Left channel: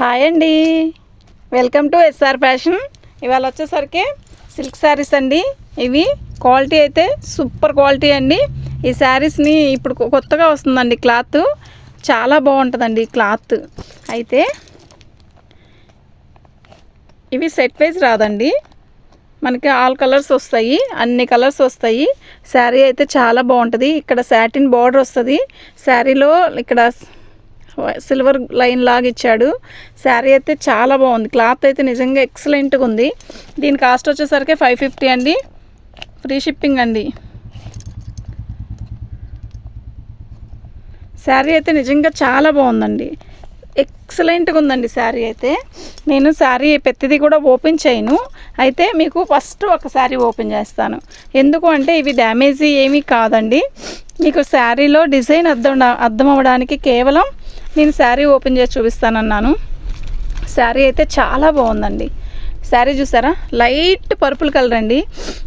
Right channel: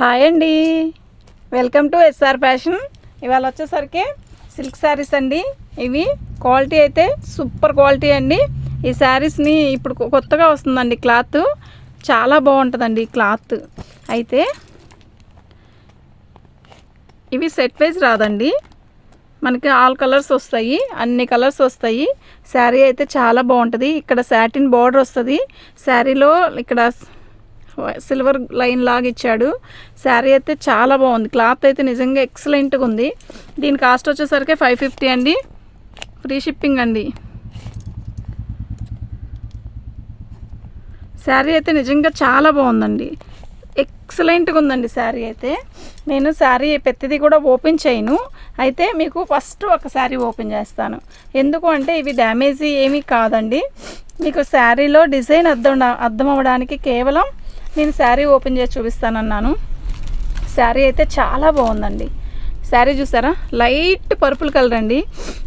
Hi అండి. Welcome to SR fashion ఇవాళ వచ్చేసరికి సిల్క్ శారీస్ అండి. ఇవి క్వాలిటీ అయితే సూపర్ క్వాలిటీ అండి. ఈ శారీస్ని ఇప్పుడు కొత్తగా వస్తుందండి క్లాత్ చాలా బాగుంటుందండి క్లాత్ అయితే ఇవి సెట్ వైజ్ రాదండి. మనకి ఆల్ కలర్స్ వస్తాయి అన్ని కలర్స్ వస్తాయి. శారీ అయితే చాలా బాగుంటుంది. ఇక్కడ సాటిన్ బార్డర్ వస్తుంది. శారీలో ఇక్కడ సిల్వర్ లైన్ లాగా ఇచ్చాడు. శారీ అయితే చాలా బాగుంది. క్లాత్ అయితే నిజంగా ఎక్సలెంట్గా ఉంది. దీని కాస్ట్ వచ్చేసరికి ఫైవ్ ఫిఫ్టీ అండి. ఫ్రీ షిప్పింగ్ అండి. శారీ అయితే నిజంగా చాలా బాగుందండి. ఎక్సలెంట్గా ఉందండి శారీ అయితే. నేను శారీ పెద్దది కూడా ఓపెన్ చేయను. అయితే మీకు ఫస్ట్ ఒక శారీ ఓపెన్ చేస్తాను. ఎందుకు అంటే ఇవి డ్యామేజీ ఏమీ కాదండి. మీకు శారీలో డిజైన్ అర్థం అర్థం అవ్వడానికి కేవలం నేను శారీ ఓపెన్ చేసి చూపిస్తానన్నాను. శారీ అయితే చాలా బాగుందండి. శారీ చూసారా? లైట్ పర్పుల్ కలర్ అండి.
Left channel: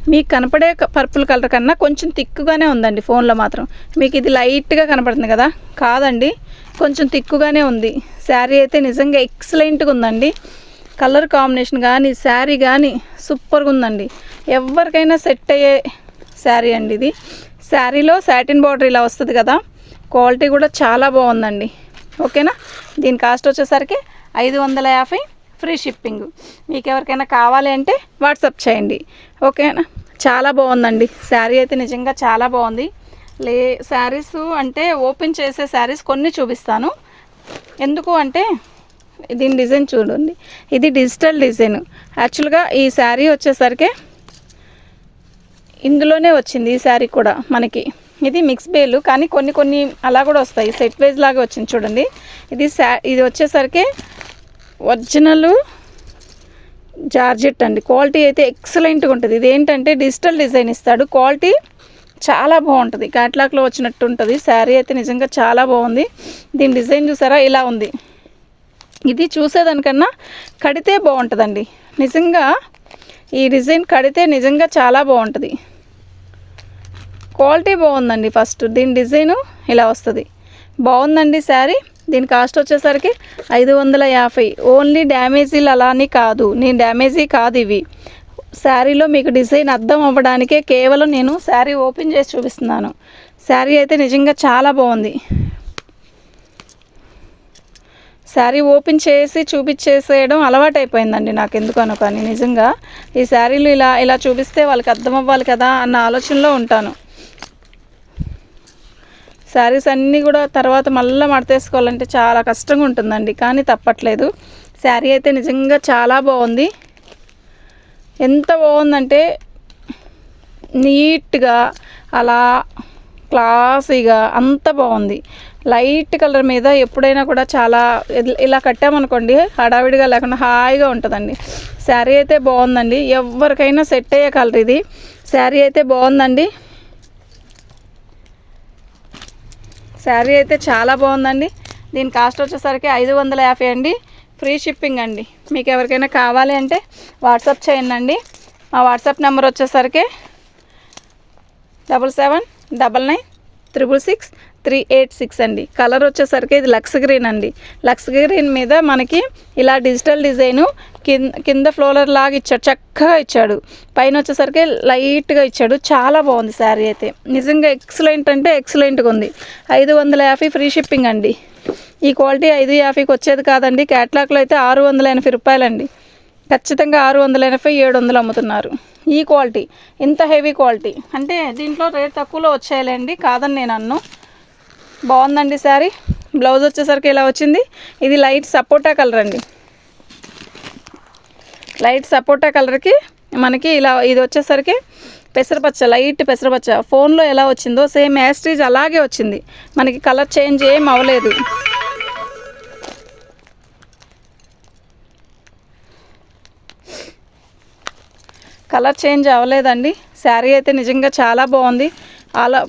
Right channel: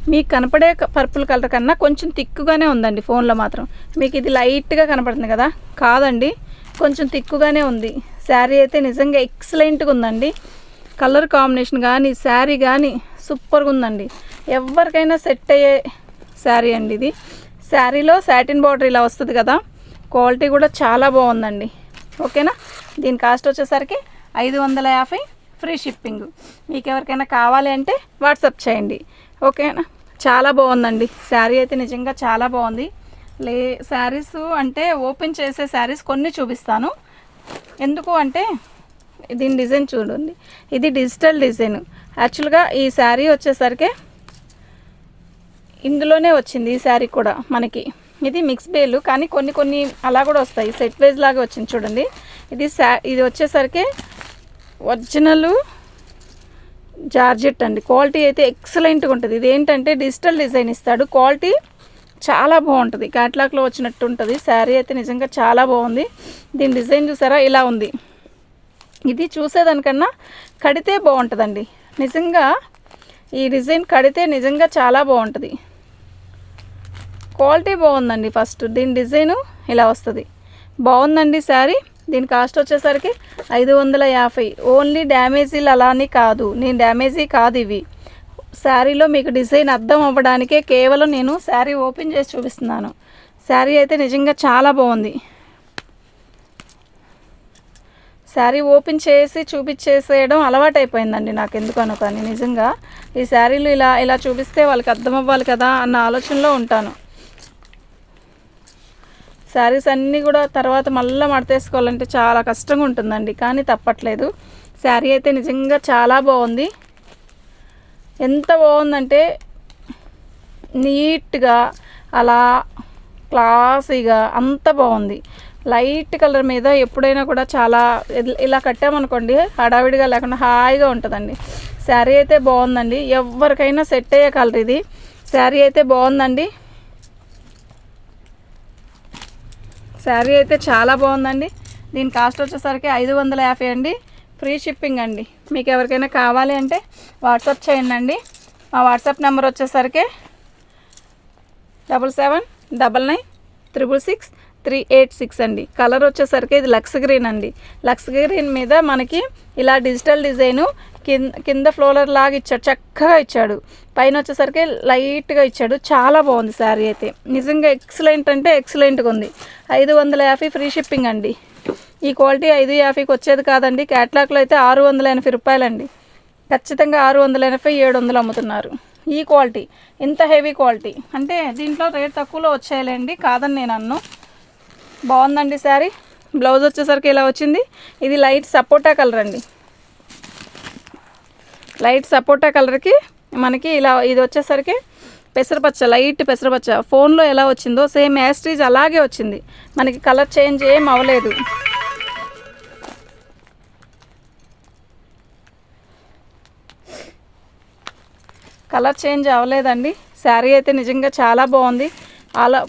మీకు కనపడే పర్పుల్ కలర్ కన్నా కొంచెం తిక్కుగానే ఉందండి ఫోన్లో మాత్రం. మీకు ఇది లైట్గా కనపడుతుంది కదా? కాదండి. కొంచెం తిక్కుగానే ఉంది. శారీ అయితే నిజంగా ఎక్సలెంట్గా ఉందండి. కలర్ కాంబినేషన్ కానీ శారీ కానీ సూపర్గా ఉందండి. ఎవరికైనా సెట్ అయ్యే శారీ అండి ఇది. శారీలో సాటిన్ బార్డర్ ఇలా వస్తుంది కదా? క్వాలిటీ కూడా చాలా బాగుందండి. ఓకేనా? దీని కాస్ట్ వచ్చేసరికి ఐదు వందల యాభై ఫ్రీ షిప్పింగ్. మీకు ఎవరికైనా కావాలి అంటే వాట్సాప్ చేయండి. ఓకేనా? చాలా బాగుందండి. శారీ అయితే నిజంగా చాలా బాగుంది. లే శారీస్ అంటే ఓపెన్ చేసే శారీస్ కొన్ని చూపిస్తాను. ఎందుకు అంటే దీని డిజైన్ చూడండి. ఇది డిజిటల్ డిజైన్. యాక్చువల్గా ఈ శారీ వచ్చేసరికి ఇందులోనే వచ్చింది ఈ శారీ కూడా మనకి. ఇది మిక్స్ బేలు కానీ కొన్ని కొన్ని అలా కూడా వస్తాయి. సెట్ వైజ్ లాగా వచ్చింది చూడండి. ఇది సా ఇది వచ్చేసరికి ఒరిజినల్ జార్జెట్ అండి. క్వాలిటీ అయితే ఎక్సలెంట్గా ఉంటుంది. ఇది ఏంటంటే డిజిటల్ డిజైన్ ఇస్తాడు. క్వాలిటీ చాలా బాగుంటుంది. క్యాట్లాక్లో వచ్చినట్టు ఉంటుంది. శారీ అయితే నిజంగా చాలా బాగుంది. దీని డిజైన్ చూసారా? ఇలా ఉంది. ఇది చూసేదానికన్నా కడితే బాగుంటుందండి. నిజంగా ఈ డిజైన్ కడితే నిజంగా చాలా బాగుంటుంది. క్వాలిటీ బాగుందండి ఫస్ట్. దీని డిజైను ఇలా వస్తుంది. బాగుందండి శారీ. దీని కాస్ట్ వచ్చేసరికి ఐదు వందల యాభై. ఓన్లీ డ్యామేజీలు అలా అని కాదు. నేను డ్యామేజీ కాదు ఇవి. శారీలో మీకు డిజైన్ అర్థం అవ్వడానికే కేవలం నేను శారీ ఓపెన్ చేసి చూపిస్తున్నాను. శారీ అయితే నిజంగా చాలా బాగుంది. శారీ ఓపెన్ చేసి చూపించేసేయడం అలవాటైపోయిందండి నాకు ఎందుకనో కానీ. నిజంగా ఈ శారీలు ఇలా ఇలా చూపిస్తే వాళ్ళకి అర్థం అవ్వాలి కదా అన్న ఆలోచనలో ఉంటాను. శారీస్ అన్నీ కూడా తర్వాత మళ్ళీ మడతేసుకోవాలంటే చాలా కష్టంగా ఉంటుందండి కానీ తప్పట్లేదు. శారీ అయితే నిజంగా చాలా బాగుంది. ఎంత బాగుందంటే నీట్గా అలా క్లాసీగా అంత బాగుంది. లైట్ కలర్ మీద ఎప్పుడైనా కూడా చాలా ఇలా కట్టామనుకోండి హడావిడిగా లేకుండా హాయిగా ఉంటుందండి. శారీ అయితే బాగుందండి. ఎవరికైనా సెట్ అయ్యే కలర్ ఇది. శారీ అయితే బాగుందండి. శారీ అయితే చాలా బాగుందండి. దీని కాస్ట్ వచ్చేసరికి ఐదు వందల యాభై అండి. ఫ్రీ షిప్పింగ్ అండి. మీకు ఎవరికైనా కావాలి అంటే వాట్సాప్ చేయండి అండి. మా వాట్సాప్ నెంబర్ వచ్చేసరికి double seven double nine triple six three eight six అండి. కలర్ వచ్చేసరికి ఇది లక్స్ గ్రీన్ అండి. లక్స్ గ్రీన్ మీద మనకి ఇలా డిజిటల్ డిజైను కింద కింద ఫ్లోలర్ లాగా ఇచ్చాడు. చక్కగా ఇచ్చాడు. పైన వచ్చేసరికి లైట్గా ఇచ్చాడు. చాలా బాగుంది శారీ అయితే. నిజంగా ఎక్సలెంట్ అంటే ఎక్సలెంట్గా ఉంది. ఐదు వందల యాభై ఫ్రీ షిప్పింగ్ అండి. ఈ క్వాలిటీ ఐదు యాభైకి వచ్చేది కాదండి. క్యాట్లాక్లో అయితే ఆరు వందల ఎనభై రూపాయలండి. ఖచ్చితంగా ఆరు వందల ఎనభై ఏడు వందలు అమ్ముతున్నారు. ఈ క్వాలిటీ ఇంత హెవీ క్వాలిటీ. అంటే దీంట్లో రేట్ తక్కువలో వచ్చేయాలండి. కాదని నేను అన్ను. బాగుందండి శారీ. బ్లౌజ్ వచ్చేసరికి ఇలా వచ్చింది. ఇది లైట్ సపోటా కలర్ అండి. లైట్ సపోటా కలర్కి మనకి ఇలా ఇది వచ్చేసరికి పెసరపచ్చ లైట్ పెసరపచ్చ. ఫోన్లో ఎలా వచ్చిందో సేమ్ యాస్ట్రీజ్ అలాగే వచ్చింది. మనకి కలర్ చేంజ్ ఏం అవ్వలేదు. కలర్ చేంజ్ అవ్వలేదండి. శారీ అయితే నిజంగా చాలా బాగుంది. అలా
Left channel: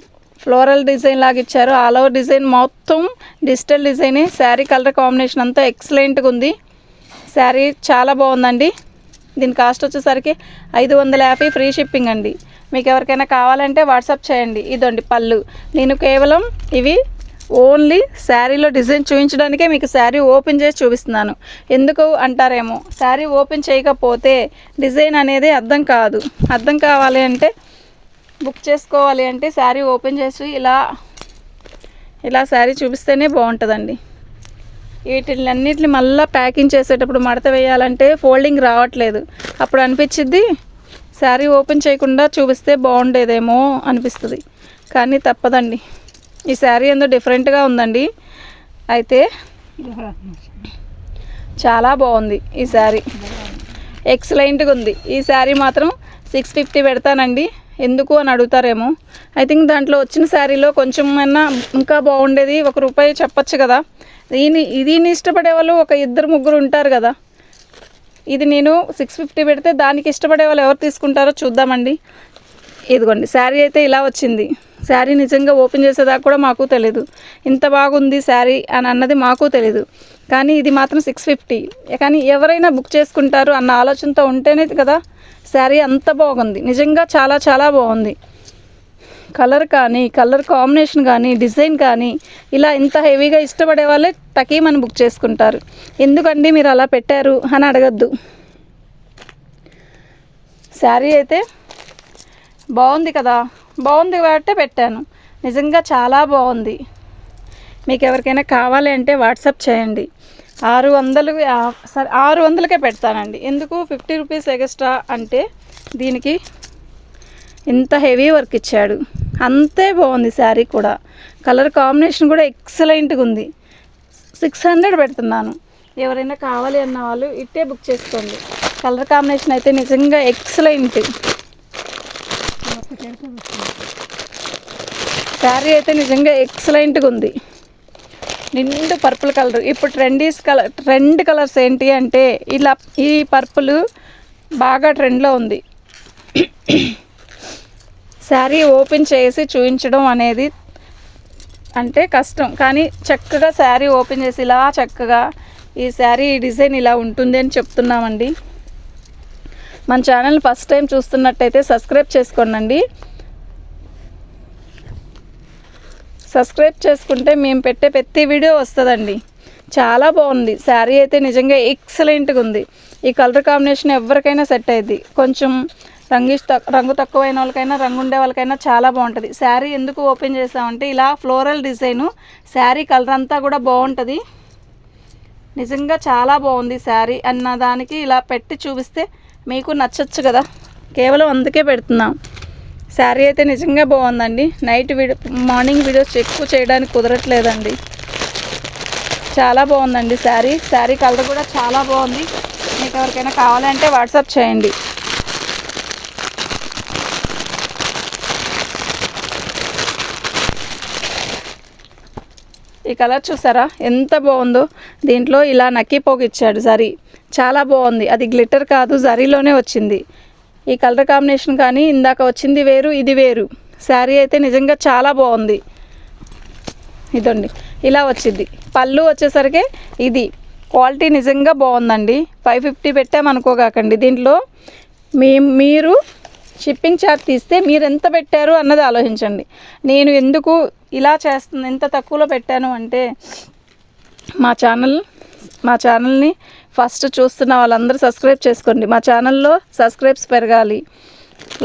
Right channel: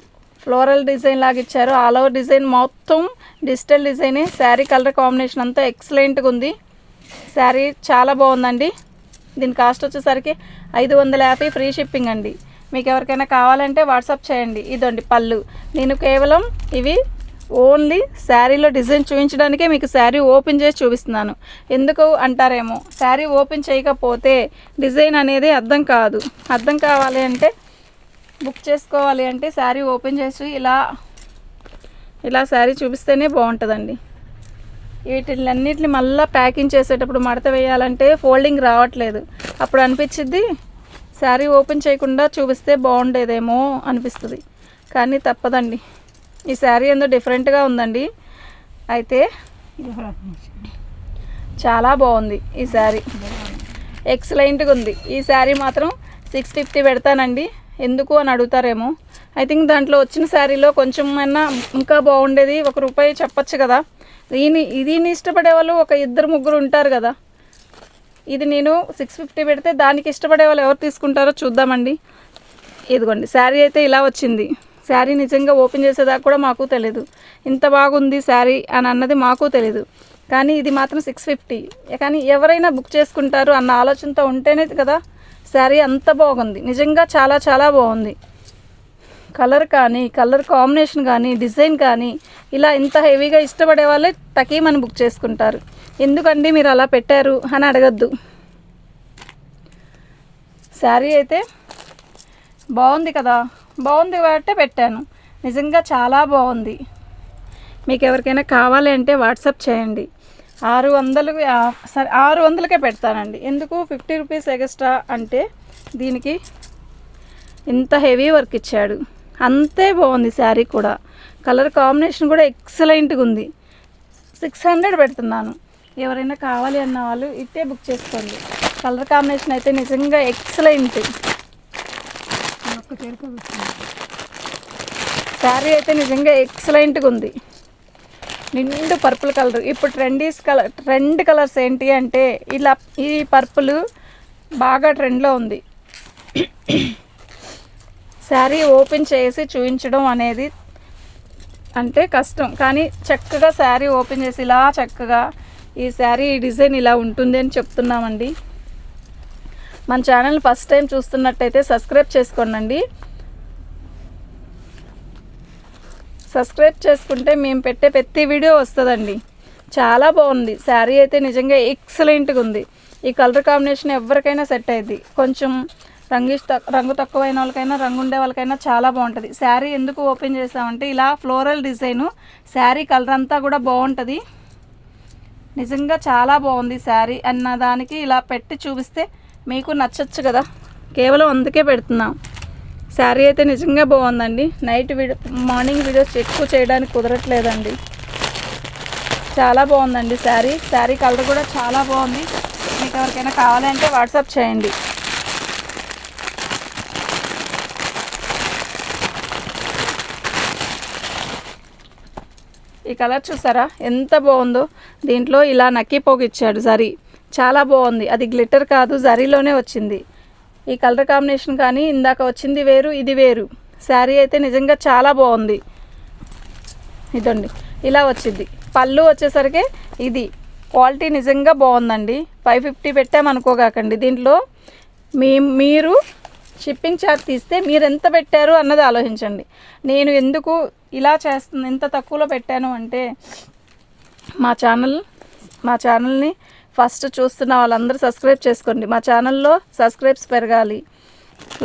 ఫ్లోరల్ డిజైన్ లాగా ఇచ్చారు. ఆల్ ఓవర్ డిజైన్ మొత్తం డిజిటల్ డిజైనే. శారీ కలర్ కాంబినేషన్ అంతా ఎక్సలెంట్గా ఉంది. శారీ చాలా బాగుందండి. దీని కాస్ట్ వచ్చేసరికి ఐదు వందల యాభై ఫ్రీ షిప్పింగ్ అండి. మీకు ఎవరికైనా కావాలంటే వాట్సాప్ చేయండి. ఇదండి పళ్ళు. నేను కేవలం ఇవి ఓన్లీ శారీలో డిజైన్ చూపించడానికే మీకు శారీ ఓపెన్ చేసి చూపిస్తున్నాను. ఎందుకు అంటారేమో? శారీ ఓపెన్ చేయకపోతే డిజైన్ అనేది అర్థం కాదు. అర్థం కావాలి అంటే బుక్ చేసుకోవాలి అంటే శారీ ఓపెన్ చేసి ఇలా ఇలా శారీ చూపిస్తేనే బాగుంటుందండి. వీటిని అన్నిటిని మళ్ళీ ప్యాకింగ్ చేసేటప్పుడు మడత వేయాలంటే ఫోల్డింగ్ రావట్లేదు. అప్పుడు అనిపించిద్ది శారీ ఓపెన్ చేయకుండా చూపిస్తే బాగుండేదేమో అనిపిస్తుంది. కానీ తప్పదండి. ఈ శారీ ఏందో డిఫరెంట్గా ఉందండి. అయితే చాలా బాగుంది ఈ శారీ. ఎక్సలెంట్గా ఉంది. ఈ శారీ మాత్రం సిక్స్ ఫిఫ్టీ పెడతానండి. ఎందుకు అని అడుగుతారేమో. ఐ థింక్ దాంట్లో వచ్చిన శారీలో కొంచెం అయినా ఇంకా బాగుండేది. ఒక రూపాయి చెప్పచ్చు కదా. దీని దీన్ని ఇష్టపడే వాళ్ళు ఒక ఇద్దరు ముగ్గురు ఉంటారు కదా. ఇది నేను సిక్స్ ఫిఫ్టీ పెడితే దానికి ఇష్టపడే వాళ్ళు ఎవరు తీసుకుంటారో చూద్దామండి. ఇదిగోండి శారీ అయితే ఇలా వచ్చింది. శారీ నిజంగా ఓపెన్ చేసేదాకా కూడా మాకు తెలియదు ఇంత బాగుంది శారీ అని అన్నది మాకు తెలియదు కానీ ఇది మాత్రం సిక్స్ ఫిఫ్టీ కానీ ఎవరైనా బుక్ చేసుకుంటారు అన్న ఆలోచనతో ఉంటేనే కదా శారీ అంత బాగుంది. నిజంగా చాలా చాలా బాగుంది. కలర్ కానీ కలర్ కాంబినేషన్ కానీ డిజైన్ కానీ ఇలా ఇంత హెవీగా ఇష్టపడే వాళ్ళే తకీమని బుక్ చేసుకుంటారు. ఎందుకండి మీరు అలా పెట్టారు అని అడగద్దు. శారీ అయితే బాగుంది కదా. బాగుంది కాబట్టి పెట్టాను. నిజంగా చాలా బాగుంది. మీకు ఎవరికైనా కావాలి అంటే వాట్సాప్ చేయండి. ఆరు వందలు సరే ఆరు వందలకే పెడతానండి. ఎందుకు? ఫిఫ్టీ రూపీస్ ఎక్స్ట్రా అంటే దీనికి ఇంత హెవీ వర్క్ ఇచ్చాడు. అంతే బాగుంది శారీ కూడా. కలర్ కాంబినేషన్ కూడా ఎక్సలెంట్గా ఉంది. సిక్స్ హండ్రెడ్ పెడుతున్నాను. ఎవరైనా కావాలి అన్న వాళ్ళు ఇట్టే బుక్ చేసుకోండి. కలర్ కాంబినేషన్ అయితే నిజంగా ఎక్సలెంట్. శారీ అయితే నిజంగా ఎక్సలెంట్గా ఉంది. నిండు పర్పుల్ కలర్. ఇప్పుడు ట్రెండీస్ కలర్ ట్రెండ్ కలర్స్ ఏంటి అంటే ఇలా ఈ పర్పుల్ బాగా ట్రెండ్లో ఉంది. శారీ ఓపెన్ చేసి చూపించడం అనేది అంటే కష్టం. కానీ చక్కగా శారీ ఓపెన్ చేసి ఇలా చక్కగా ఈ శారీ ఈ డిజైన్ ఇలా ఉంటుంది అని చెప్తున్నామండి. మన ఛానల్ ఫస్ట్ టైం చూస్తున్నట్టయితే సబ్స్క్రైబ్ చేసుకోనండి. సబ్స్క్రైబ్ చేసుకుంటే మేము పెట్టే ప్రతి వీడియో వస్తుందండి. చాలా బాగుంది. శారీ అయితే నిజంగా ఎక్సలెంట్గా ఉంది. ఈ కలర్ కాంబినేషన్ ఎవరికైనా సెట్ అయ్యింది కొంచెం రంగు రంగు తక్కువైన వాళ్ళకైనా రంగు ఉండే వాళ్ళకైనా చాలా బాగుంటుంది. శారీ ఎందుకు ఓపెన్ చేసామంటే ఇలా ఫ్లోరల్ డిజైను శారీ కలర్ అంతా కూడా బాగుంటుంది. నిజంగా చాలా బాగుంది శారీ అన్న దానికి ఇలా పెట్టి చూపిస్తే మీకు నచ్చచ్చు కదా. కేవలం అందుకే పెడుతున్నాం. శారీ అయితే నిజంగా బాగుందండి. నైట్ వీడియో మార్నింగ్ వీడియోస్ ఎక్కువ చేయడానికి కుదరట్లేదండి. చాలా బాగుందండి శారీ. శారీ కలర్ కూడా చాలా బాగుంది. మీకు ఎవరికైనా కావాలంటే వాట్సాప్ చేయండి. ఈ కలర్ చూసారా? ఎంత బాగుందో. దీంట్లో ఇలా నక్కి ఇచ్చాడు జరీ. చాలా బాగుంది. అది గ్లిటర్ కాదు జరీలోనే వచ్చింది. ఈ కలర్ కాంబినేషన్ కానీ ఇందాక వచ్చింది వేరు ఇది వేరు. శారీ అయితే నిజంగా చాలా బాగుంది. ఇదండి. ఇలా వచ్చింది. పళ్ళు వచ్చేసరికి ఇది. క్వాలిటీ నిజంగా బాగుందండి. ఫైవ్ ఫిఫ్టీ పెట్టామనుకోగాకండి దీంట్లో మీ మీరు షిప్పింగ్ ఛార్జ్ తీస్తే మీరు ఎంత పెట్టారు అన్నది ఆలోచించండి. నేను ఎందుకు ఇలా చేస్తుంది ఎంత తక్కువలో పెట్టాను అంటే మా ఛానల్ మా ఛానల్ని ఫస్ట్ చూస్తున్న వాళ్ళందరూ సబ్స్క్రైబ్ చేసుకోండి. మా ఛానల్లో సబ్స్క్రైబ్స్ పెరగాలి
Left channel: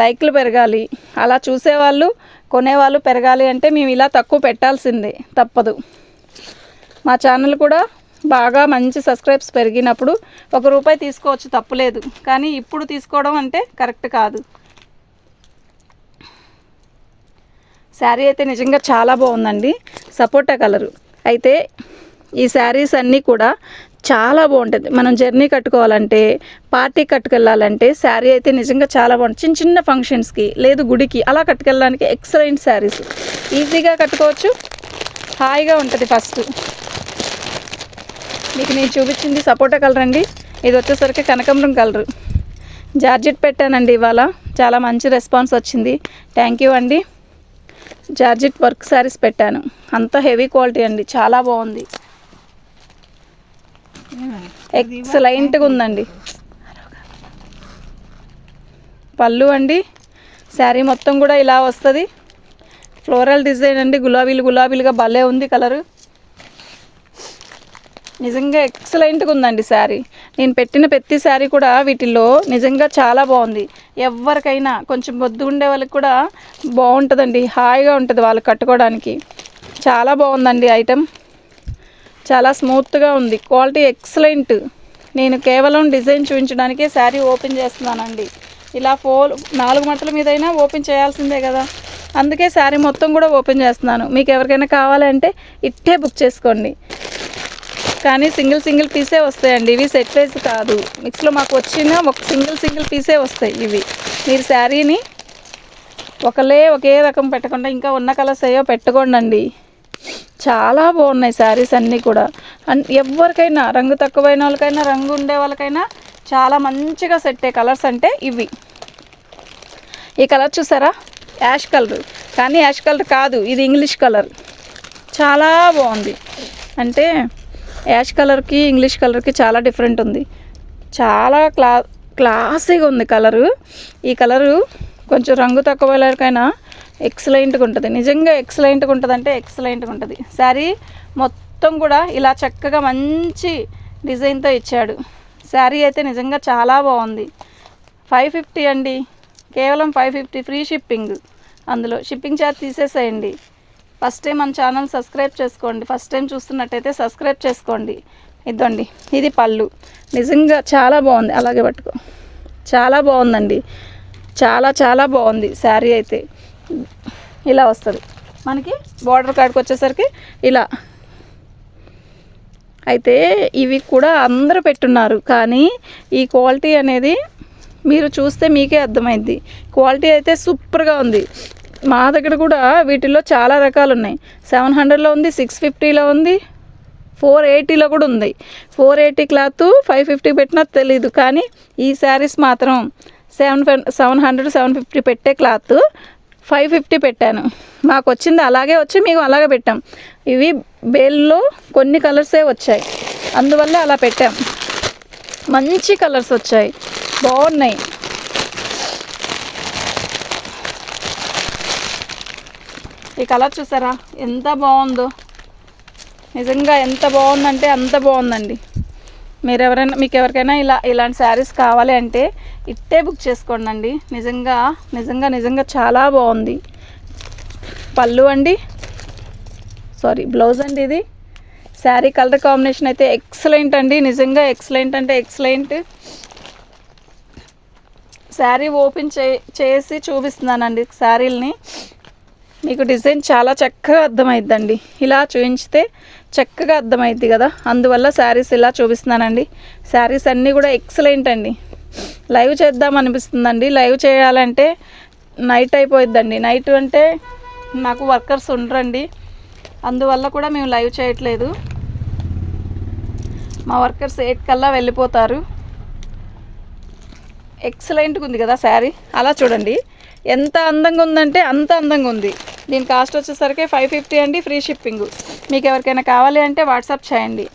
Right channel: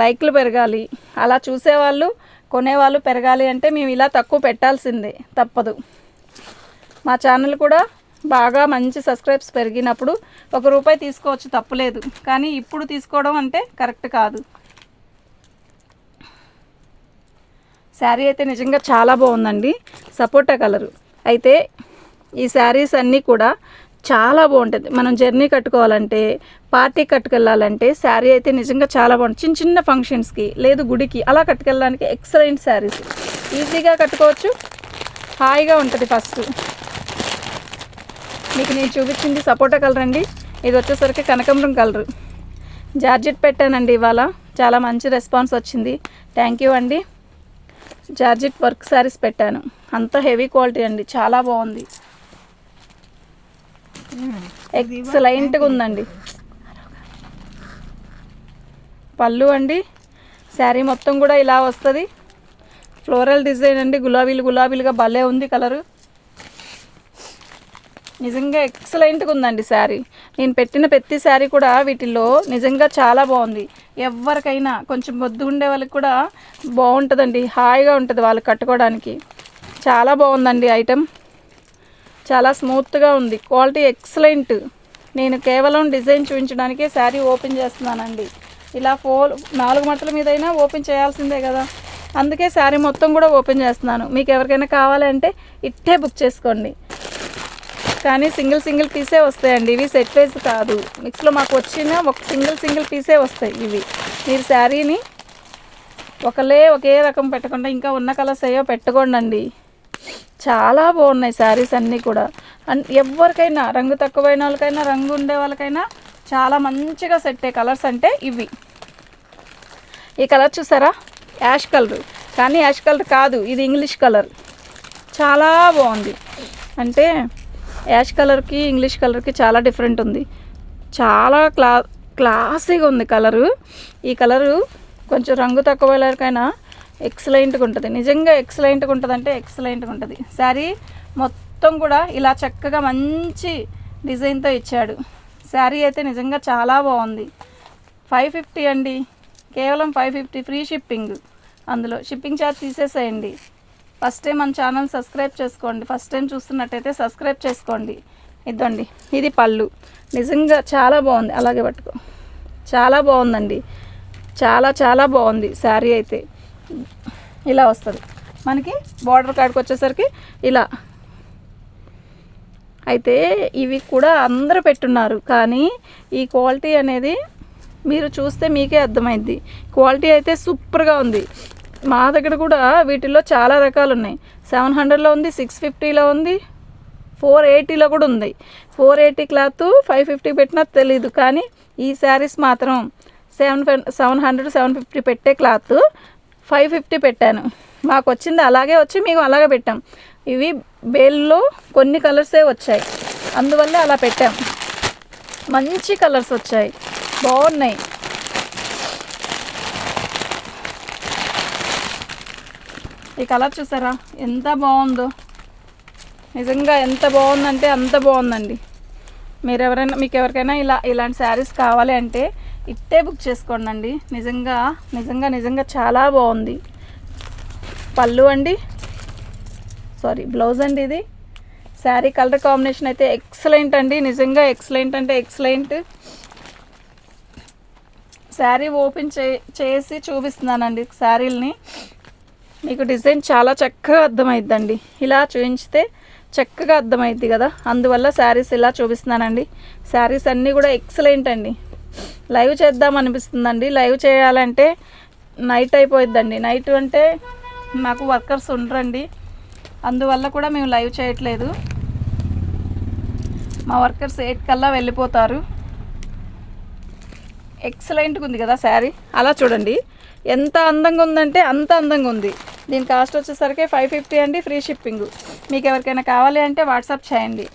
లైక్లు పెరగాలి. అలా చూసేవాళ్ళు కొనేవాళ్ళు పెరగాలి అంటే మేము ఇలా తక్కువ పెట్టాల్సిందే తప్పదు. మా ఛానల్ కూడా బాగా మంచి సబ్స్క్రైబ్స్ పెరిగినప్పుడు ఒక రూపాయి తీసుకోవచ్చు తప్పులేదు. కానీ ఇప్పుడు తీసుకోవడం అంటే కరెక్ట్ కాదు. శారీ అయితే నిజంగా చాలా బాగుందండి. సపోటా కలరు. అయితే ఈ శారీస్ అన్నీ కూడా చాలా బాగుంటుంది. మనం జర్నీ కట్టుకోవాలంటే పార్టీ కట్టుకెళ్ళాలంటే శారీ అయితే నిజంగా చాలా బాగుంటుంది. చిన్న చిన్న ఫంక్షన్స్కి లేదు గుడికి అలా కట్టుకెళ్ళడానికి ఎక్సలెంట్ శారీస్. ఈజీగా కట్టుకోవచ్చు. హాయిగా ఉంటుంది ఫస్ట్. మీకు నేను చూపించింది సపోటా కలర్ అండి. ఇది వచ్చేసరికి కనకాంబరం కలరు. జార్జెట్ పెట్టానండి ఇవాళ. చాలా మంచి రెస్పాన్స్ వచ్చింది. థ్యాంక్ యూ అండి. జార్జెట్ వర్క్ శారీస్ పెట్టాను. అంత హెవీ క్వాలిటీ అండి. చాలా బాగుంది. ఎక్సలెంట్గా ఉందండి. పళ్ళు అండి శారీ మొత్తం కూడా ఇలా వస్తుంది. ఫ్లోరల్ డిజైన్ అండి గులాబీలు గులాబీలుగా భలే ఉంది కలరు. నిజంగా ఎక్సలెంట్గా ఉందండి శారీ. నేను పెట్టిన ప్రతి శారీ కూడా వీటిల్లో నిజంగా చాలా బాగుంది. ఎవరికైనా కొంచెం బొద్దు ఉండే వాళ్ళకి కూడా బాగుంటుందండి హాయిగా ఉంటుంది వాళ్ళు కట్టుకోవడానికి. చాలా బాగుందండి ఐటమ్ చాలా స్మూత్గా ఉంది. క్వాలిటీ ఎక్సలెంట్ నేను కేవలం డిజైన్ చూపించడానికే శారీ ఓపెన్ చేస్తున్నానండి. ఇలా ఫోర్ నాలుగు మట్టల మీదైనా ఓపెన్ చేయాల్సిందే కదా. అందుకే శారీ మొత్తం కూడా ఓపెన్ చేస్తున్నాను. మీకు ఎవరికైనా కావాలంటే ఇట్టే బుక్ చేసుకోండి. కానీ సింగిల్ సింగిల్ పీసే వస్తాయండి. ఇవి సెట్ వైజ్ కాదు. మిక్స్లో మాకు వచ్చిన ఒక సింగిల్ సింగిల్ పీసే వస్తాయి ఇవి. మీరు శారీని ఒకలే ఒకే రకం పెట్టకుండా ఇంకా ఉన్న కలర్స్ అయ్యో పెట్టుకోండి చాలా బాగున్నాయి శారీస్ అన్నీ కూడా. అండ్ ఎవరికైనా రంగు తక్కువైన వాళ్ళకైనా రంగు ఉండే వాళ్ళకైనా చాలా మంచిగా సెట్ అయ్యే కలర్స్ అంటే ఇవి. ఈ కలర్ చూసారా? Ash colour. కానీ యాష్ కలర్ కాదు ఇది ఇంగ్లీష్ కలర్. చాలా బాగుంది. అంటే యాష్ కలర్కి ఇంగ్లీష్ కలర్కి చాలా డిఫరెంట్ ఉంది. చాలా క్లా క్లాసీగా ఉంది కలరు ఈ కలరు కొంచెం రంగు తక్కువ వాళ్ళకైనా ఎక్సలెంట్గా ఉంటుంది. నిజంగా ఎక్సలెంట్గా ఉంటుంది అంటే ఎక్సలెంట్గా ఉంటుంది. శారీ మొత్తం కూడా ఇలా చక్కగా మంచి డిజైన్తో ఇచ్చాడు. శారీ అయితే నిజంగా చాలా బాగుంది. ఫైవ్ ఫిఫ్టీ అండి. కేవలం ఫైవ్ ఫిఫ్టీ ఫ్రీ షిప్పింగ్ అందులో. షిప్పింగ్ ఛార్జ్ తీసేసేయండి. ఫస్ట్ టైం మన ఛానల్ సబ్స్క్రైబ్ చేసుకోండి. ఫస్ట్ టైం చూస్తున్నట్టయితే సబ్స్క్రైబ్ చేసుకోండి. ఇదండి ఇది పళ్ళు. నిజంగా చాలా బాగుంది. అలాగే పట్టుకో. చాలా బాగుందండి. చాలా చాలా బాగుంది శారీ అయితే. ఇలా వస్తుంది. మనకి బార్డర్ కాడికి వచ్చేసరికి ఇలా. అయితే ఇవి కూడా అందరూ పెట్టున్నారు. కానీ ఈ క్వాలిటీ అనేది మీరు చూస్తే మీకే అర్థమైంది. క్వాలిటీ అయితే సూపర్గా ఉంది. మా దగ్గర కూడా వీటిల్లో చాలా రకాలు ఉన్నాయి. సెవెన్ హండ్రెడ్లో ఉంది సిక్స్ ఫిఫ్టీలో ఉంది ఫోర్ ఎయిటీలో కూడా ఉంది. Four eighty cloth five fifty పెట్టినా తెలీదు. కానీ ఈ శారీస్ మాత్రం seven seven hundred seven fifty పెట్టే క్లాత్ ఫైవ్ ఫిఫ్టీ పెట్టాను. మాకు వచ్చింది అలాగే వచ్చి మేము అలాగే పెట్టాం. ఇవి బేల్లో కొన్ని కలర్సే వచ్చాయి. అందువల్ల అలా పెట్టాం. మంచి కలర్స్ వచ్చాయి. బాగున్నాయి. ఈ కలర్ చూసారా? ఎంత బాగుందో. నిజంగా ఎంత బాగుందంటే అంత బాగుందండి. మీరు ఎవరైనా మీకు ఎవరికైనా ఇలా ఇలాంటి శారీస్ కావాలి అంటే ఇట్టే బుక్ చేసుకోండి నిజంగా నిజంగా నిజంగా చాలా బాగుంది. పళ్ళు అండి. సారీ బ్లౌజ్ అండి ఇది. శారీ కలర్ కాంబినేషన్ అయితే ఎక్సలెంట్ అండి. నిజంగా ఎక్సలెంట్ అంటే ఎక్సలెంట్. శారీ ఓపెన్ చే చేసి చూపిస్తున్నానండి శారీల్ని. మీకు డిజైన్ చాలా చక్కగా అర్థమైద్దండి. ఇలా చూపించితే చక్కగా అర్థమైద్ది కదా. అందువల్ల శారీస్ ఇలా చూపిస్తున్నానండి. శారీస్ అన్నీ కూడా ఎక్సలెంట్ అండి. లైవ్ చేద్దాం అనిపిస్తుందండి. లైవ్ చేయాలంటే నైట్ అయిపోయిద్దండి. నైట్ అంటే నాకు వర్కర్స్ ఉండరండి. అందువల్ల కూడా మేము లైవ్ చేయట్లేదు. మా వర్కర్స్ ఎయిట్ కల్లా వెళ్ళిపోతారు. ఎక్సలెంట్గా ఉంది కదా శారీ. అలా చూడండి. ఎంత అందంగా ఉందంటే అంత అందంగా ఉంది. దీని కాస్ట్ వచ్చేసరికి ఫైవ్ ఫిఫ్టీ అండి ఫ్రీ షిప్పింగ్ మీకు ఎవరికైనా కావాలి అంటే వాట్సాప్ చేయండి.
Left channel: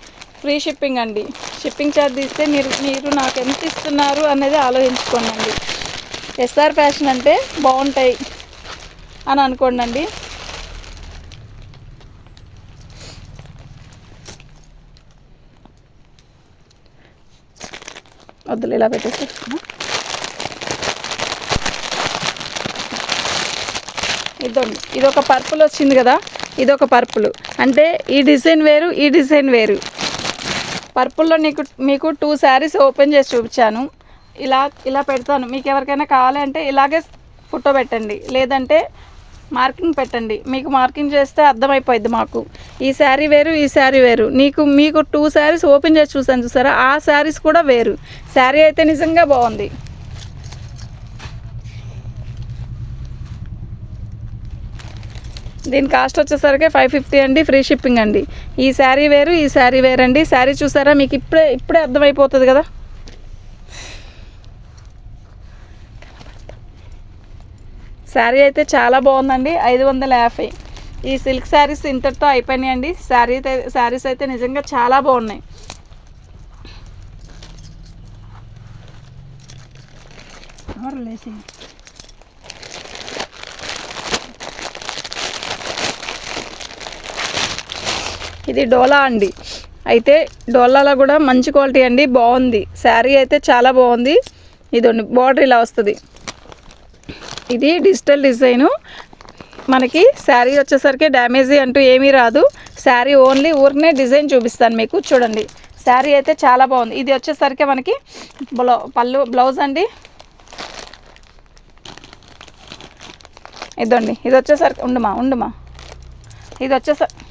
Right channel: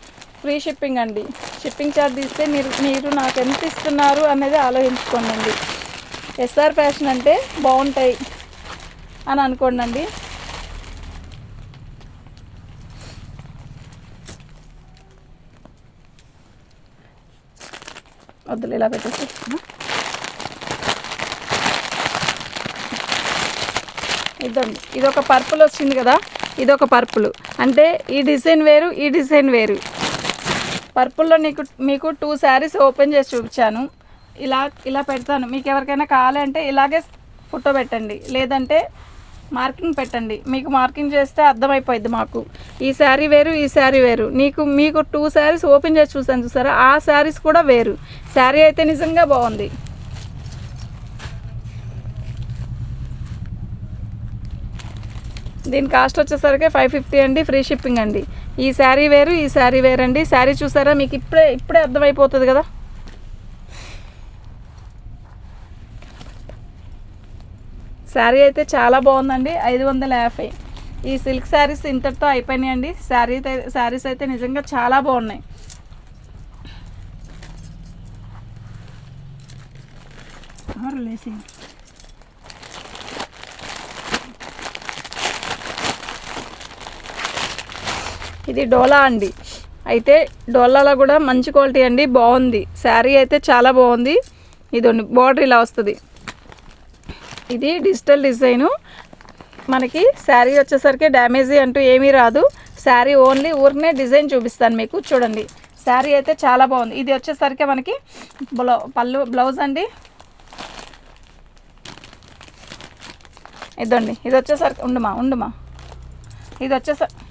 ఫ్రీ షిప్పింగ్ అండి. షిప్పింగ్ ఛార్జ్ ఇస్తే మీరు మీరు నాకు ఎంత ఇస్తున్నారు అనేది ఆలోచించుకోండి ఎస్ఆర్ ఫ్యాషన్ అంటే బాగుంటాయి అని అనుకోండి వద్దులు ఇలా పెట్టేసి. ఇదండి ఇది ఒక పర్పుల్ వచ్చింది కదా ఇది ఒక పర్పుల్. అంటే ఈ డిజైన్ వేరు ఈ డిజైన్ వేరు. పర్పుల్లో నీకు మీకు టూ శారీస్ ఓపెన్ చేసి చూపించాను. ఇలా ఇలా పెడతాను. మీకు ఎవరికైనా కావాలంటే ఇలాగే ఫోటో పెట్టండి. లేదంటే మార్కింగ్ పెట్టండి. మీకు మార్కింగ్ చేస్తే అర్థమైపోయింది మాకు. ఈ శారీ వేరు ఈ శారీ వేరు. నీకు మీకు టూ శారీస్ ఓపెన్ చేసి చూసాను చూసారా? ఆ శారీస్ కూడా వేరు. శారీ అయితే నిజంగా బాగుంది. దీని కాస్ట్ వచ్చేసరికి ఫైవ్ ఫిఫ్టీ అండి ఫ్రీ షిప్పింగ్ అండి. ఈ శారీ వేరు ఈ శారీ వేరు అండి శారీ చూసారా? మీకు ఇప్పుడే ఇప్పుడే అర్థమైపోతుంది కదా? శారీ అయితే చాలా బాగుందండి ఐదు వందల యాభై. ఈ సిల్క్ శారీస్ ఇంతటితో అయిపోయినాయండి. శారీ శారీస్ అయితే నిజంగా చాలా బాగున్నాయి. ఇది డోలా అండి. అయితే డోలాలో కూడా మంచి క్వాలిటీ అండి బాగుంది. శారీ అయితే చాలా బాగుంది. ఇది బార్డర్ ఇలా వస్తుంది. ఇది డిజిటల్ డిజైను. మనకి శారీ వచ్చేసరికి డ్యామేజీ అంటూ ఏమీ రాదు. శారీ ఓన్లీ ఊరినే డిజైన్ చూపిస్తాను మీకు చూడండి. శారీ అయితే చాలా బాగుంది. ఇది వచ్చేసరికి మనకి బ్లౌ పళ్ళు బ్లౌజ్ అండి. ఇదండి ఇది వచ్చేసరికి ఉండుమా ఉండుమా. ఇది వచ్చేసరికి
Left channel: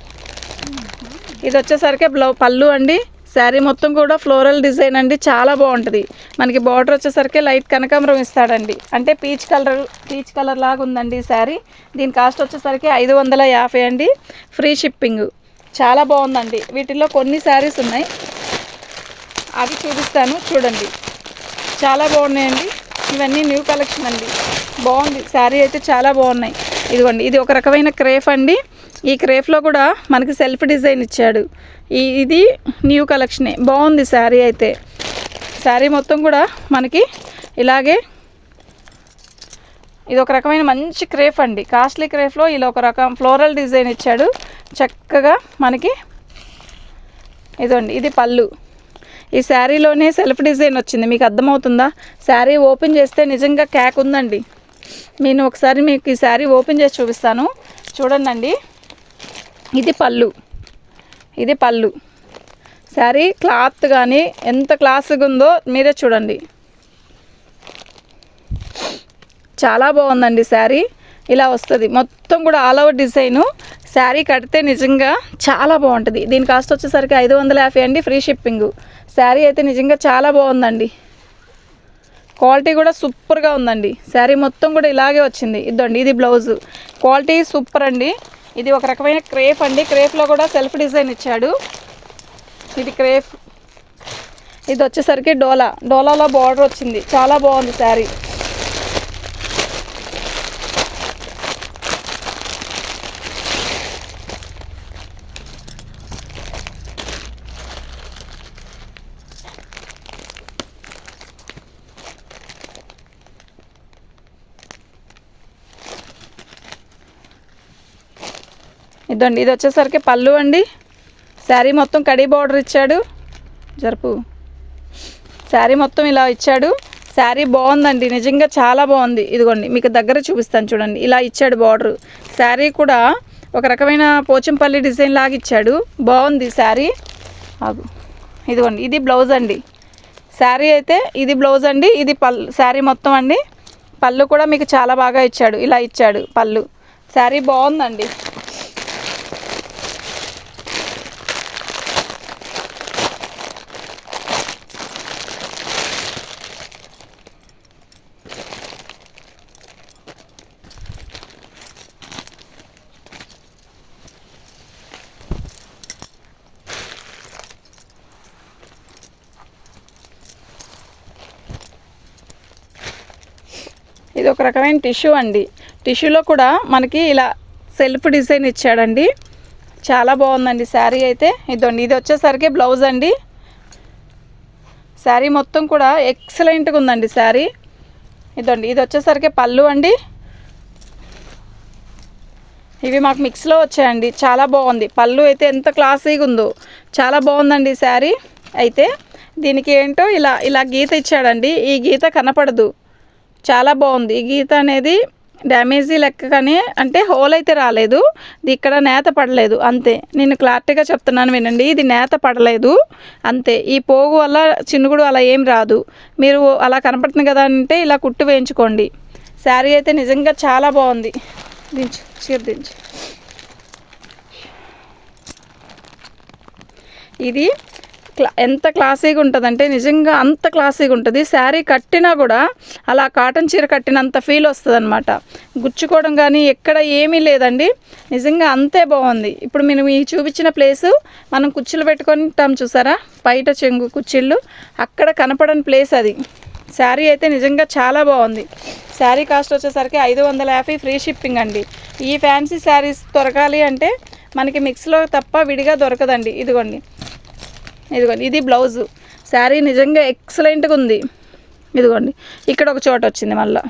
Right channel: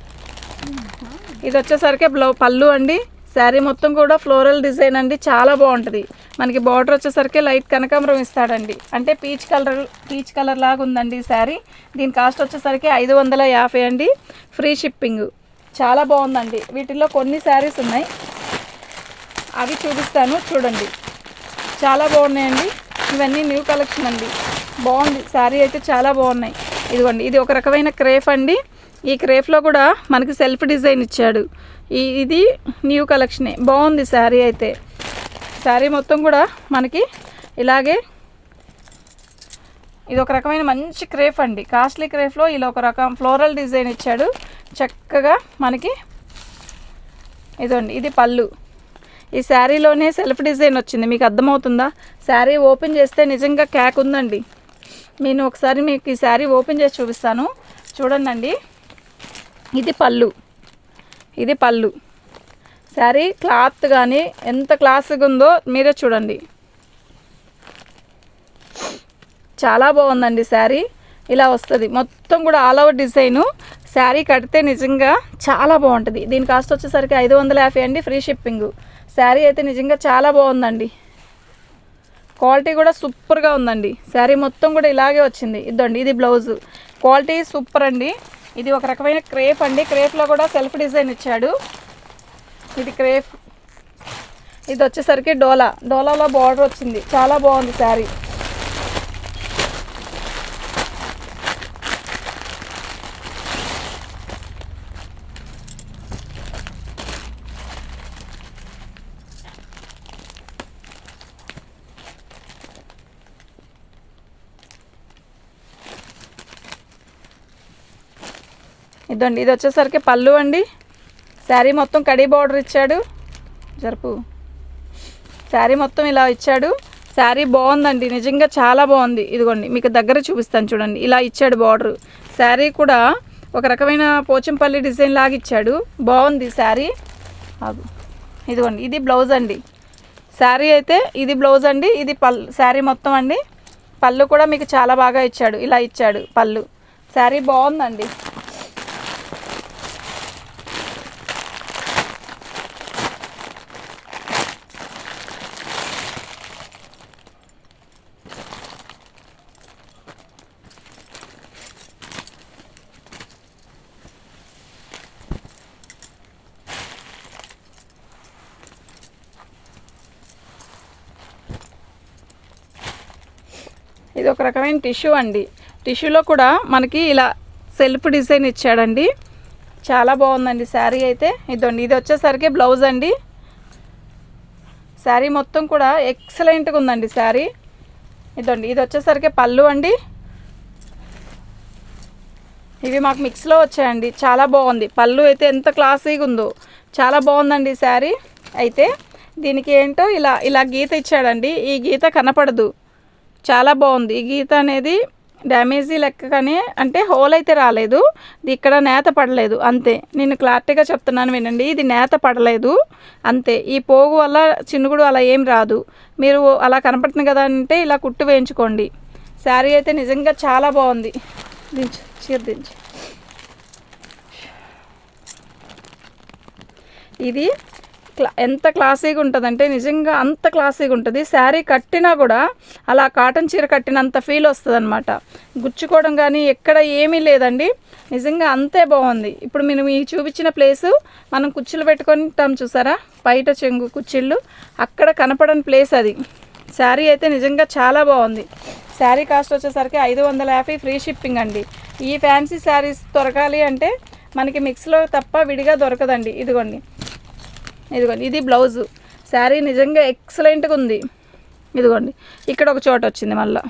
ఇది వచ్చేసరికి బ్లౌ పళ్ళు అండి. శారీ మొత్తం కూడా ఫ్లోరల్ డిజైన్ అండి. చాలా బాగుంటుంది. మనకి బార్డర్ వచ్చేసరికి లైట్ కనకాంబరం ఇస్తాడండి. అంటే పీచ్ కలర్ పీచ్ కలర్ లాగా ఉందండి ఈ శారీ. దీని కాస్ట్ వచ్చేసరికి ఐదు వందల యాభై అండి. Free shipping. చాలా బాగుందండి. వీటిల్లో కొన్ని శారీస్ ఉన్నాయి. అవి చూపిస్తాను. చూడండి. చాలా బాగున్నాయండి. ఇవన్నీ న్యూ కలెక్షన్ అండి. బాగుంది. శారీ అయితే చాలా బాగున్నాయి. ఇదిగోండి. ఇది ఒక రకమైన క్రేఫ్ అండి. ఈ క్రేఫ్లో కూడా మనకి సెల్ఫ్ డిజైన్ ఇచ్చాడు. ఈ ఇది న్యూ కలెక్షనే. బాగుంది శారీ అయితే. శారీ మొత్తం కూడా మనకి ఇలాగే ఇది ఒక రకమైన మంచి క్రేఫ్ అండి. కాస్ట్లీ క్రేఫ్లో ఇలా ఒక రకం ఫ్లోరల్ డిజైన్ ఇచ్చాడు. చక్కగా మనకి ఇదండి ఇది పళ్ళు. ఈ శారీలోనే సెల్ఫ్ డిజైన్ వచ్చింది. మీకు అర్థమవుతుందా? శారీ ఓపెన్ చేస్తే నిజంగా క్యాక్ ఉందండి. నేను ఒకసారి మీకు ఈ శారీ ఓపెన్ చేసి చూపిస్తాను. చూడండి ఇది పళ్ళు. ఇది పళ్ళు. శారీ క్లాత్ కానీ ఎంత క్లాస్గా ఉందో మీరే చూడండి. చాలా బాగుందండి శారీ. ఇలా వస్తుంది. మొత్తం కూడా ఆల్ ఓవర్ డిజైను. శారీ కడితే నిజంగా చాలా బాగుంటుంది. దీని కాస్ట్ వచ్చేసరికి ఐదు వందల యాభై అండి ఫ్రీ షిప్పింగ్. శారీ అయితే నిజంగా చాలా బాగుందండి. క్వాలిటీ కూడా సూపర్గా ఉందండి. శారీ మొత్తం కూడా ఇలాగే వచ్చింది. ఇదండి ఇది బ్లౌజు. క్వాలిటీ సూపర్ అండి. ఇది ఒక రకమైన క్రేప్ అండి. క్రేప్లో కూడా సెల్ఫ్ డిజైన్ ఇచ్చాడు. ఇది క్రేప్. ఇది వచ్చేసరికి డోలా. డోలాలో బార్డర్ వచ్చింది. చాలా బాగుంది శారీ. ఇదండి ఇది వచ్చేసరికి పళ్ళు అండి. శారీ మొత్తం కడీ బార్డర్ ఇచ్చాడు. జరుపు. శారీ మొత్తం ఇలా ఇచ్చాడు. శారీ బాగుందండి నిజంగా చాలా బాగుంది. ఇదిగోండి మీకు దగ్గర చూపిస్తాను చూడండి. ఇలా ఇచ్చాడు బార్డర్. శారీ కూడా ఒక రకమైన పోచంపల్లి డిజైన్ లాగా ఇచ్చాడు. బాగుంది శారీ. ఇదిగోండి ఇది బ్లౌజ్ అండి. శారీ అయితే ఇది బ్లౌజ్ అండి ఇది పళ్ళు శారీ మొత్తం అండి. పళ్ళు కూడా మీకు చాలా బాగా ఇచ్చాడు ఇలా ఇచ్చాడు పళ్ళు. శారీ బాగుందండి. రకమైన టిష్యూ అండి. టిష్యూలో కూడా మనకి ఇలా సెల్ఫ్ డిజైన్ ఇచ్చాడండి. చాలా బాగుందండి శారీ అయితే. ఇదండి ఇది వచ్చేసరికి బ్లౌజ్ అండి. శారీ మొత్తం కూడా ఎక్సలెంట్గా ఉందండి శారీ. ఇదండి ఇది వచ్చేసరికి పళ్ళు అండి. ఇవి మాకు మిక్స్లో వచ్చాయండి. చాలా బాగుంది. పళ్ళు అయితే ఎంత క్లాసీగా ఉందో. చాలా బాగుందండి శారీ. అయితే దీనికి ఏంటో ఇలా ఇలా గీత ఇచ్చాడండి. ఈ గీత కనపడదు. చాలా బాగుంది. ఈ గీత అనేది డ్యామేజీ లెక్కగానే అంటే హోల్ అయితే రాలేదు. ఇది ఇక్కడ నేత పడలేదు. అంతే. నేను క్లారిటీగా చెప్తున్నాను వినండి. ఇది నేత పడలేదు. అంతే. ఈ పోగు వల్ల చినుగుడు అలా ఏం రాదు. మీరు అలా కనపడుతుంది కదా అంటే ఇలా కుట్టు వేయించుకోండి. శారీ అయితే నిజంగా చాలా బాగుంది. దించు. చీర దించు. ఇది క్లా ఎంత క్లాసీగా ఉంటుందంటే నిజంగా అంత క్లాసీగా ఉంటుంది. శారీ కట్టినా కూడా అలా కాటన్ చీర కట్టినంత ఫీల్ వస్తుంది అనమాట గుచ్చుకోవడం కానీ ఎక్కడ ఏమీ లేదండి. నిజంగా అంతే బాగుంది ఇప్పుడు మేము ఈ చూపించిన ప్లేసు మనం కుర్చీలు పెట్టుకుంటాం చూసారా? బయట చెంగు కుర్చీళ్ళు అక్కడ కనపడని ప్లేస్ అది. శారీ అయితే నిజంగా చాలా బాగుంది శారీ కాస్ట్ వచ్చేసరికి ఐదు వందల యాభై ఫ్రీ షిప్పింగ్ అండి. ఈ ఫ్యాన్సీ శారీస్ దొరకాలి అంటే మనకి మిక్స్లో తప్ప విడిగా దొరకదండి. ఇదిగోండి. ఇదిగోండి ఇది బ్లౌజు. శారీ నిజంగా ఎక్సలెంట్గా ఉంది. ఇదిగోండి ఇక్కడ ఒక చోట వచ్చింది మళ్ళీ.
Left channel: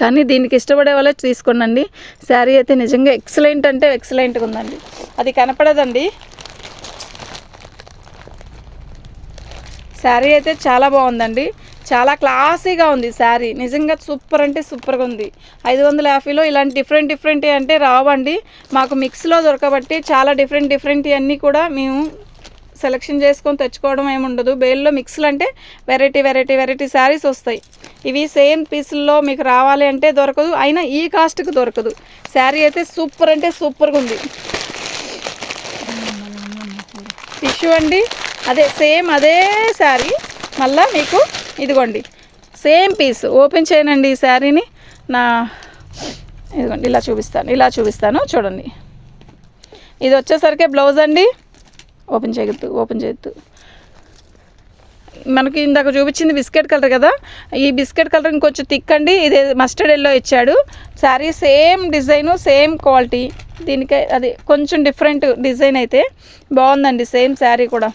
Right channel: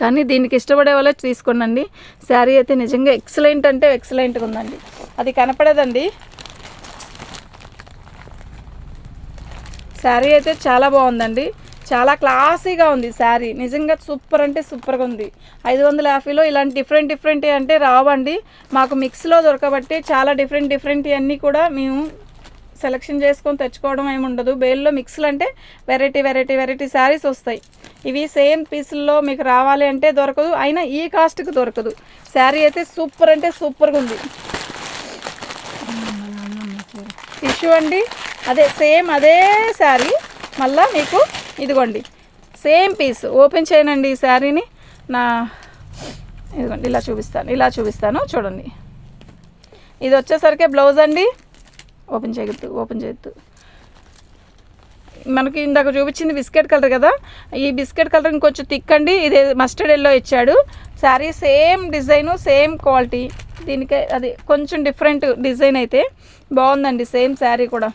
కానీ దీనికి ఇష్టపడే వాళ్ళే తీసుకోండి శారీ అయితే నిజంగా ఎక్సలెంట్ అంటే ఎక్సలెంట్గా ఉందండి. అది కనపడదండి. శారీ అయితే చాలా బాగుందండి. చాలా క్లాసీగా ఉంది శారీ. నిజంగా సూపర్ అంటే సూపర్గా ఉంది. ఐదు వందల యాభైలో ఇలాంటి డిఫరెంట్ డిఫరెంట్ అంటే రావండి. మాకు మిక్స్లో దొరకబట్టి చాలా డిఫరెంట్ డిఫరెంట్ అన్నీ కూడా మేము సెలెక్షన్ చేసుకొని తెచ్చుకోవడం ఏమి ఉండదు. బేల్లో మిక్స్లు అంటే వెరైటీ వెరైటీ వెరైటీ శారీస్ వస్తాయి. ఇవి సేమ్ పీసుల్లో మీకు రావాలి అంటే దొరకదు. అయినా ఈ కాస్ట్కి దొరకదు. శారీ అయితే సూపర్ అంటే సూపర్గా ఉంది. టిష్యూ అండి. అదే సేమ్ అదే శారీ మళ్ళా మీకు ఇదిగోండి. సేమ్ పీస్ ఓపెన్ చేయనండి ఈ శారీని నా ఇదిగోండి ఇలా చూపిస్తాను ఇలా చూపిస్తాను. చూడండి. ఇది వచ్చేసరికి బ్లౌజ్ అండి. ఓపెన్ చేయొద్దు ఓపెన్ చేయొద్దు. మనకి ఇందాక చూపించింది బిస్కెట్ కలర్ కదా ఈ బిస్కెట్ కలర్ ఇంకొంచెం థిక్ అండి ఇది మస్టర్డ్ ఎల్లో ఇచ్చాడు. Sari same design same quality. దీనికి అది కొంచెం డిఫరెంట్ డిజైన్ అయితే బాగుందండి సేమ్ శారీ కూడా.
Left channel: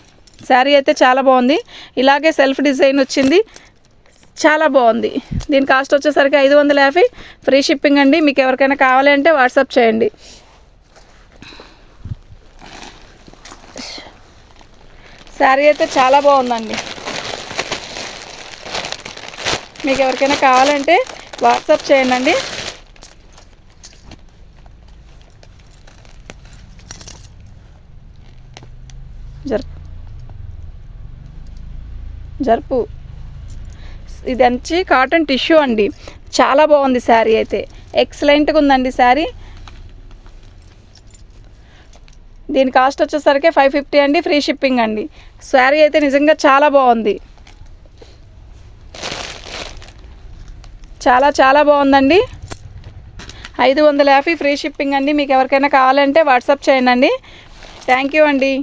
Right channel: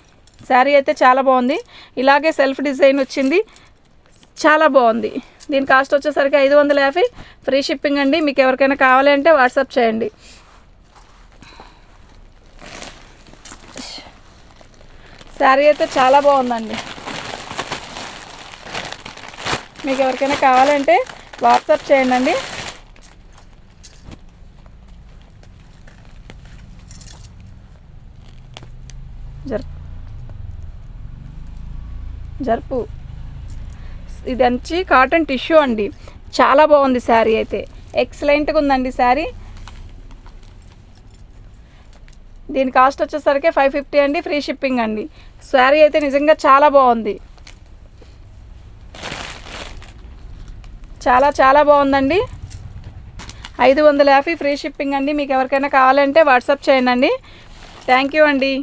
శారీ అయితే చాలా బాగుంది. ఇలాగే సెల్ఫ్ డిజైన్ వచ్చింది చాలా బాగుంది. దీని కాస్ట్ వచ్చేసరికి ఐదు వందల యాభై. ఫ్రీ షిప్పింగ్ అండి మీకు ఎవరికైనా కావాలి అంటే వాట్సాప్ చేయండి. శారీ అయితే చాలా బాగుందండి. మీకు ఎవరికైనా కావాలంటే వాట్సాప్ చేయండి అండి. జరుపు జరుపు. ఇది వచ్చి కాటన్ టిష్యూ అండి. చాలా బాగుంది శారీ అయితే. ఎక్సలెంట్గా ఉందండి శారీ. దీని కాస్ట్ వచ్చేసరికి ఫైవ్ ఫిఫ్టీ అండి ఫ్రీ షిప్పింగ్ అండి. శారీ అయితే నిజంగా చాలా బాగుంది. చాలా చాలా బాగుందండి. ఐదు వందల యాభై ఫ్రీ షిప్పింగ్ అండి. మీకు ఎవరికైనా కావాలంటే వాట్సాప్ చేయండి. అండి థ్యాంక్ యూ అండి.